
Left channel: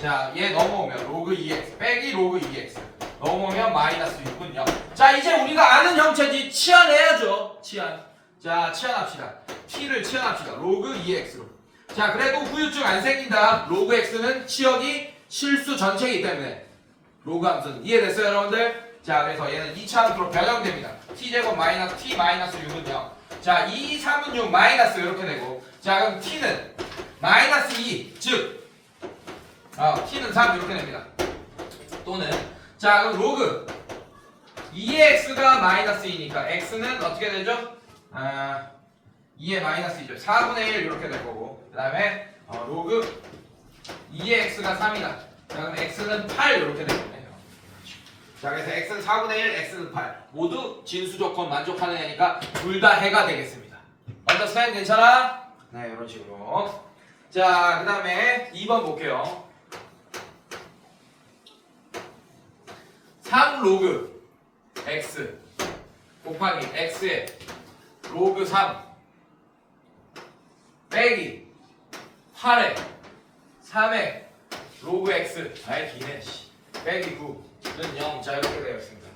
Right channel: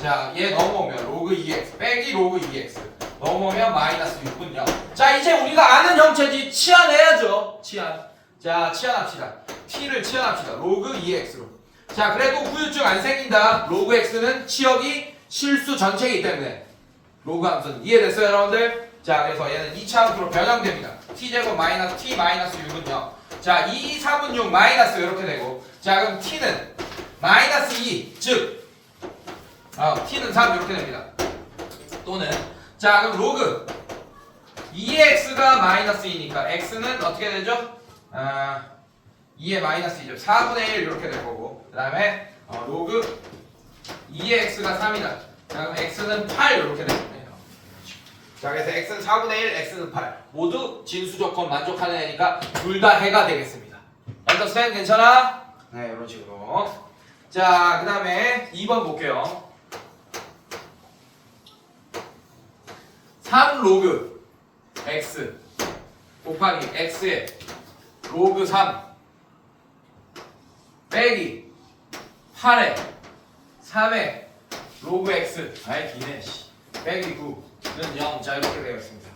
자, 얘 넘어오면 로그 2x 빼기 로그 2x 넘어오면 마이너스 6은 0. 자, 이제 우리가 아는 형체지. 치환해야죠. 치환. 자, 치환합시다. t를 치환합시다. 로그 2x로. 자, 그래도 후유증 안 생긴다. 로그 x는 치역이 실수 전체이기 때문에 로그 함수는 이해됐어요 여러분들? 자, 그래서 얘는 2차 함수로 변형됩니다. t제곱 마이너스 t 마이너스 6은 0. 자, 2, 3은 6 마이너스 이렇게 되고, 자, 그럼 t는 마이너스 2, 즉 t는 3 이렇게 됩니다. 또는 자, 그럼 로그 2의 x가 마이너스 2니까 x는 어떻게 되죠? 2의 마이너스 2죠. 4분의 1 이렇게 될 거고, 그 다음에 로그 2의 x가 3이다. 자, 그럼 x는 8 이렇게 되겠네요. 자, 그래서 x는 4분의 1, x는 8. 모두 진수 조건 만족하는 애니까 둘 다 해가 되겠습니다. 언더스탠 괜찮아? 네, 이런 식으로. 자, 그 다음에 2번 볼게요. 3 로그 x 곱하기 x의 로그 3 빼기 8에 3에 로그 x 아이 기네 빼기 9는 0. 자, 이렇게 되었습니다.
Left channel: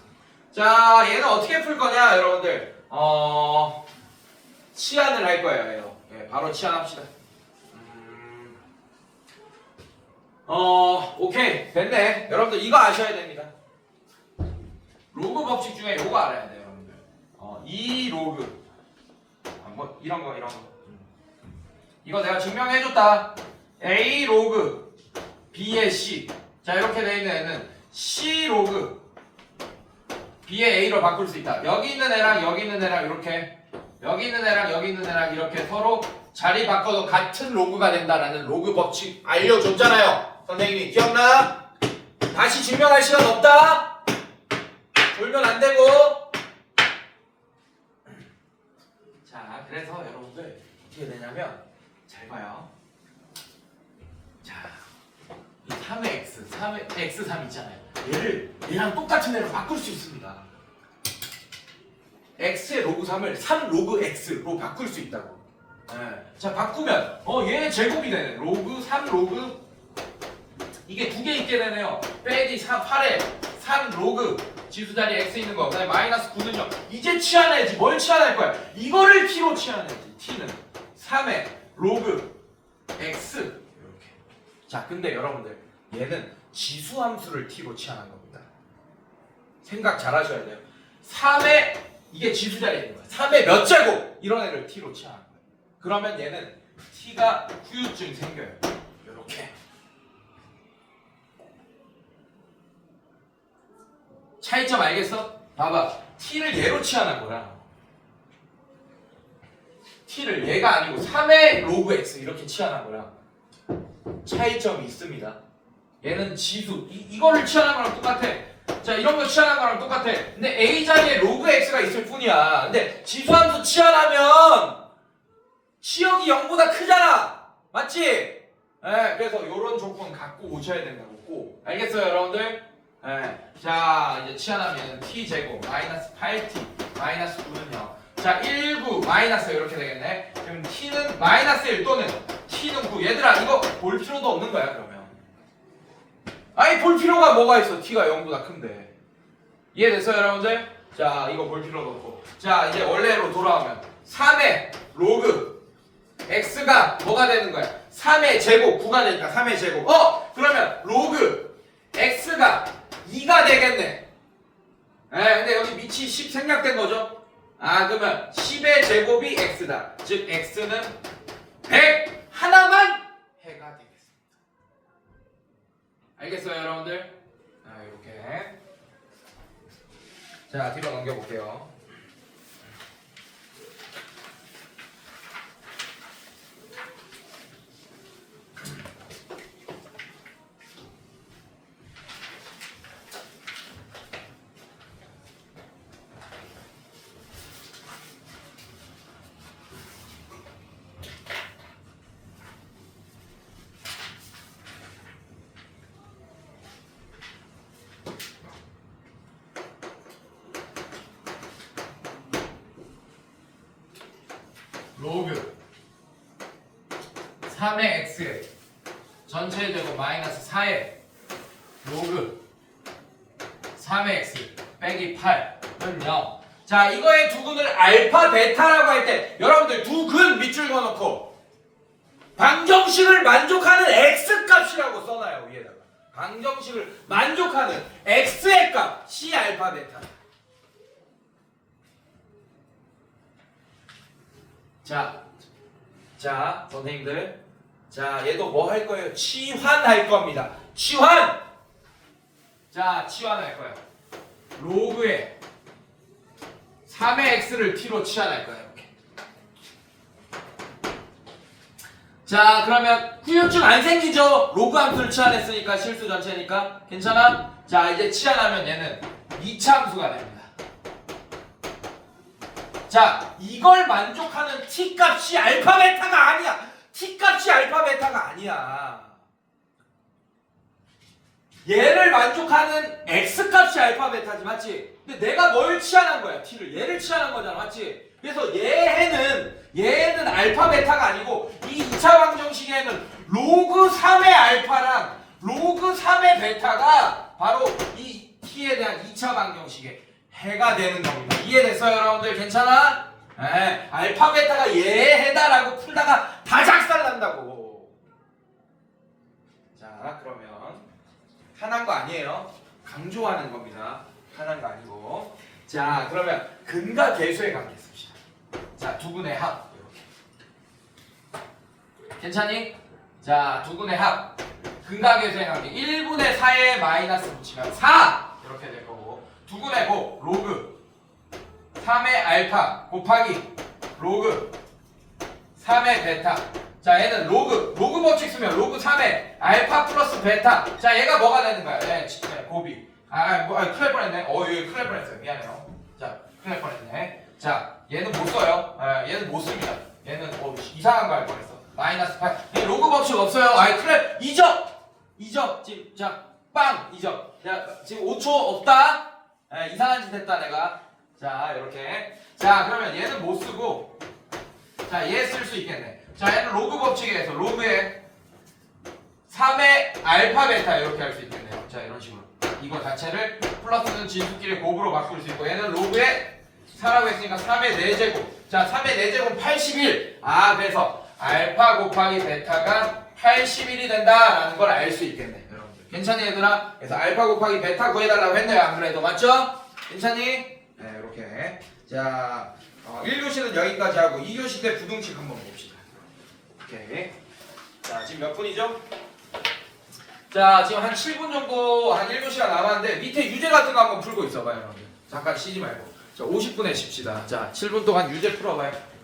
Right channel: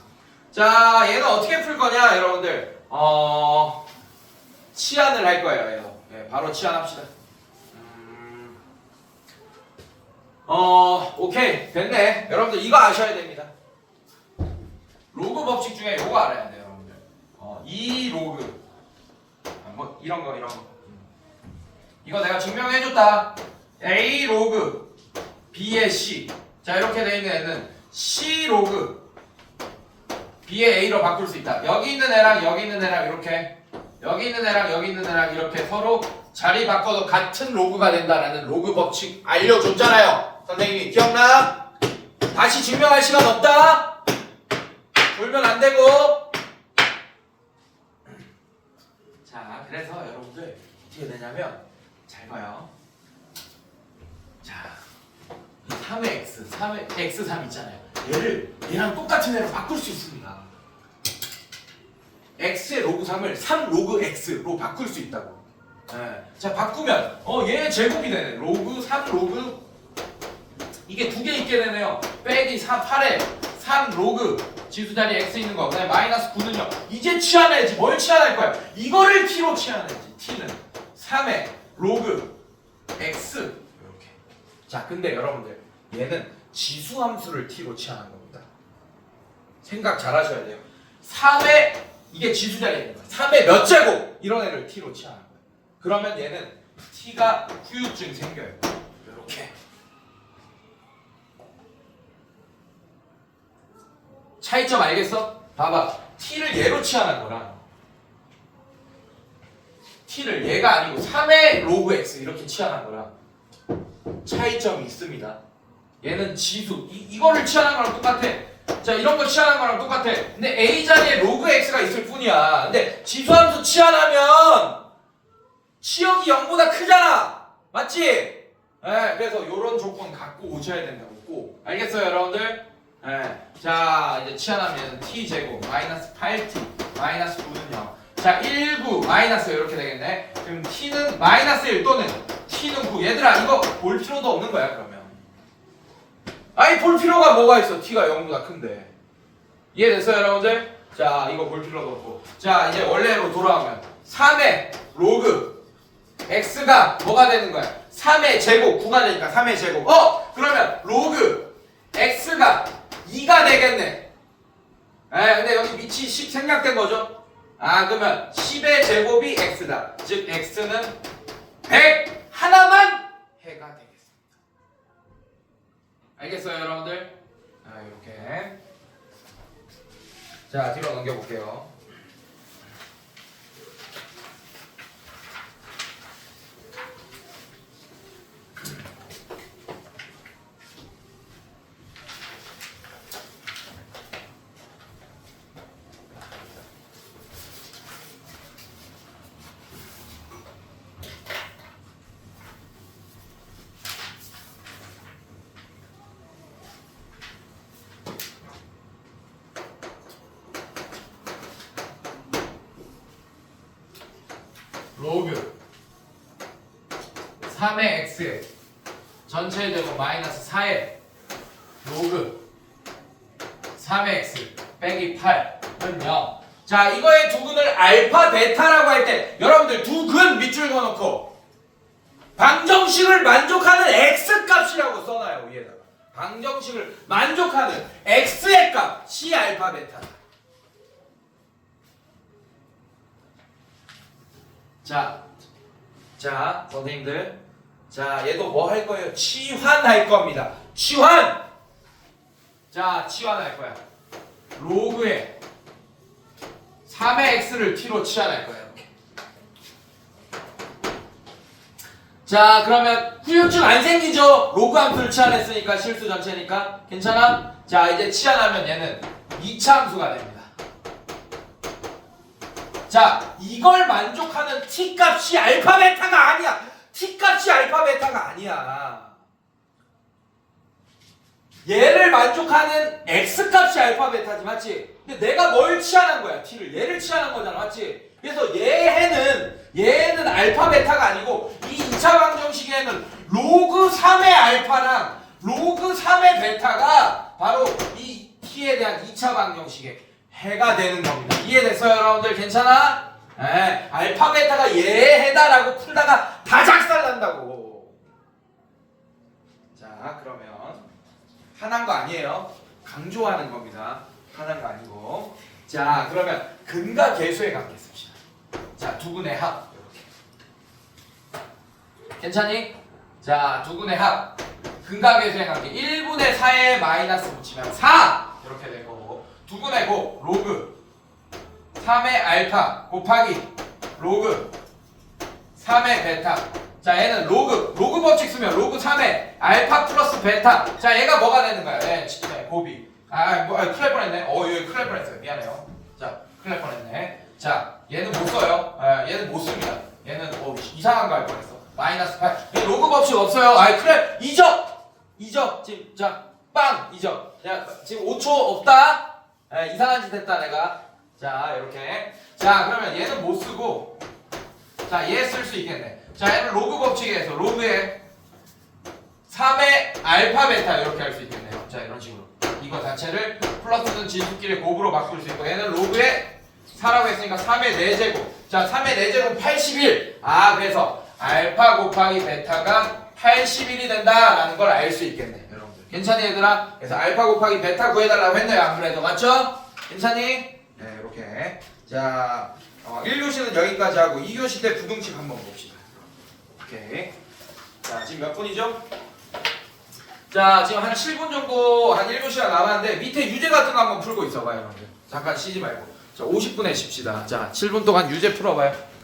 자, 얘는 어떻게 풀 거냐 여러분들? 치환을 할 거예요. 얘도. 네, 바로 치환합시다. 오케이 됐네. 여러분들 이거 아셔야 됩니다. 로그 법칙 중에 요거 알아야 돼요 여러분들. 이 로그 뭐 이런 거 이거 내가 증명해줬다. A 로그 B의 C. 자, 이렇게 돼 있는 애는 C 로그 B의 A로 바꿀 수 있다. 여기 있는 애랑 여기 있는 애랑 이렇게, 여기 있는 애랑 여기 있는 애랑 이렇게 서로 자리 바꿔도 같은 로그가 된다라는 로그 법칙 알려줬잖아요. 선생님이 기억나? 다시 증명할 시간 없다. 돌면 안 되고. 자, 그래서 여러분들 어떻게 되냐면 잘 봐요. 자, 이 3의 x, 3의 x3 있잖아요. 얘를 얘랑 똑같은 애로 바꿀 수 있습니다. x의 로그 3을 3 로그 x로 바꿀 수 있다고. 네. 자, 바꾸면 얘 제곱이 되네. 로그 3 로그 이게 두 개 있게 되네요. 빼기 8에 3 로그 지수 자리에 x 있는 거. 그다음에 마이너스 9는요. 이제 치환해야지. 뭘 치환할 거야? 이거를 t로 치환해야지. t는 3의 로그 x 이렇게. 자, 근데 여러분들 얘는 지수 함수를 t로 치환한 겁니다. 생각 잘 하셔야 돼요. 3의 이게 지수 자리에 있는 거야. 3의 몇 제곱 이런 애를 t로 치환한 거야. 그러면 얘는 t가 후유증이 생겨요. 이렇게. 차이점 알겠어? 봐봐. t를 얘로 치환한 거라. t를 얘가 아니고 3의 로그 x 이렇게 치환한 거라. 차이점이 있습니다. 얘는 지수. 이거를 치환한 거랑 똑같아. 자, 이런 거 치환한 거랑 똑같아. 근데 a 자리에 로그 x가 있을 뿐이야. 근데 지수함수 치환하면 치역이 0보다 크잖아. 맞지? 네, 그래서 이런 조건 갖고 오셔야 된다고 꼭. 알겠어요, 여러분들? 네. 자, 이제 치환하면 t제곱 마이너스 8t 마이너스 9는 0. 자, 1, 9 마이너스 이렇게 되겠네. 그럼 t는 마이너스 1 또는 t는 9. 얘들아, 이거 볼 필요도 없는 거야 그러면. 아니, 볼 필요가 뭐가 있어? t가 0보다 큰데. 이해됐어요 여러분들? 자, 이거 볼 필요도 없고. 자, 이제 원래로 돌아오면 3의 로그 x가 뭐가 되는 거야? 3의 제곱 9가 되니까 3의 제곱. 그러면 로그 x가 2가 되겠네. 근데 여기 밑이 10 생략된 거죠? 그러면 10의 제곱이 x다. 즉 x는 100 하나만 해가 되겠습니다. 알겠어요, 여러분들? 이렇게. 자, 뒤로 넘겨볼게요. 로그 3의 x 전체 제곱 마이너스 4의 로그 3의 x 빼기 8은 0. 자, 이거의 두근을 알파 베타라고 할 때 여러분들 두근 밑줄 그어놓고 방정식을 만족하는 x 값이라고 써놔요. 위에다가 방정식을 만족하는 x의 값 C 알파 베타. 자, 선생님들. 자, 얘도 뭐 할 거예요? 치환할 겁니다. 치환! 자, 치환할 거야. 로그에 3의 x를 t로 치환할 거야. 이렇게. 자, 그러면 후유증 안 생기죠? 로그 함수를 치환했으니까 실수 전체니까. 괜찮아? 자, 이제 치환하면 얘는 2차 함수가 됩니다. 자, 이걸 만족하는 t값이 알파 베타가 아니야. t값이 알파 베타가 아니야. 얘를 만족하는 x값이 알파 베타지, 맞지? 근데 내가 뭘 치환한 거야? t를. 얘를 치환한 거잖아, 맞지? 그래서 얘는 알파 베타가 아니고 이 2차 방정식에는 로그 3의 알파랑 로그 3의 베타가 바로 이 t에 대한 2차 방정식에 해가 되는 겁니다. 이해됐어요, 여러분들? 괜찮아? 알파 베타가 얘 해다라고 풀다가 다 작살난다고. 자, 그러면 하나인 거 아니에요. 강조하는 겁니다. 하나인 거 아니고. 자, 그러면 근과 계수의 관계 씁시다. 자, 두근의 합. 이렇게. 괜찮니? 자, 두근의 합. 근과 계수의 관계. 1분의 4에 마이너스 붙이면 4! 이렇게 될 거고. 두근의 곱. 로그 3의 알파 곱하기 로그 3의 베타. 자, 얘는 로그 법칙 쓰면 로그 3의 알파 플러스 베타. 자, 얘가 뭐가 되는 거야? 곱이. 큰일 날 뻔했네. 얘 큰일 날 뻔했어요. 미안해요. 자, 큰일 날 뻔했네. 자, 얘는 못 써요. 얘는 못 씁니다. 얘는 이상한 거 할 뻔했어. 마이너스 8. 얘 로그 법칙 없어요. 큰일. 2점. 지금 자, 빵 2점. 야, 지금 5초 없다. 이상한 짓 했다 내가. 자, 이렇게. 자, 그러면 얘는 못 쓰고, 자, 얘 쓸 수 있겠네. 자, 얘는 로그 법칙에서 로그의 3의 알파 베타 이렇게 할 수 있겠네요. 자, 이런 식으로. 이거 자체를 플러스는 진수끼리 곱으로 바꿀 수 있고, 얘는 로그의 4라고 했으니까 3의 4제곱. 자, 3의 4제곱 81. 그래서 알파 곱하기 베타가 81이 된다라는 걸 알 수 있겠네. 여러분들. 괜찮니, 얘들아? 그래서 알파 곱하기 베타 구해달라고 했네요. 안 그래도. 맞죠? 괜찮니? 네, 이렇게. 자, 1교시는 여기까지 하고 2교시 때 부등식 한번 봅시다. 오케이. 자, 지금 몇 분이죠? 자, 지금 한 7분 정도, 한 1교시가 남았는데 밑에 유제 같은 거 한번 풀고 있어봐요, 여러분들. 잠깐 쉬지 말고. 자, 50분에 쉽시다. 자, 7분 동안 유제 풀어봐요.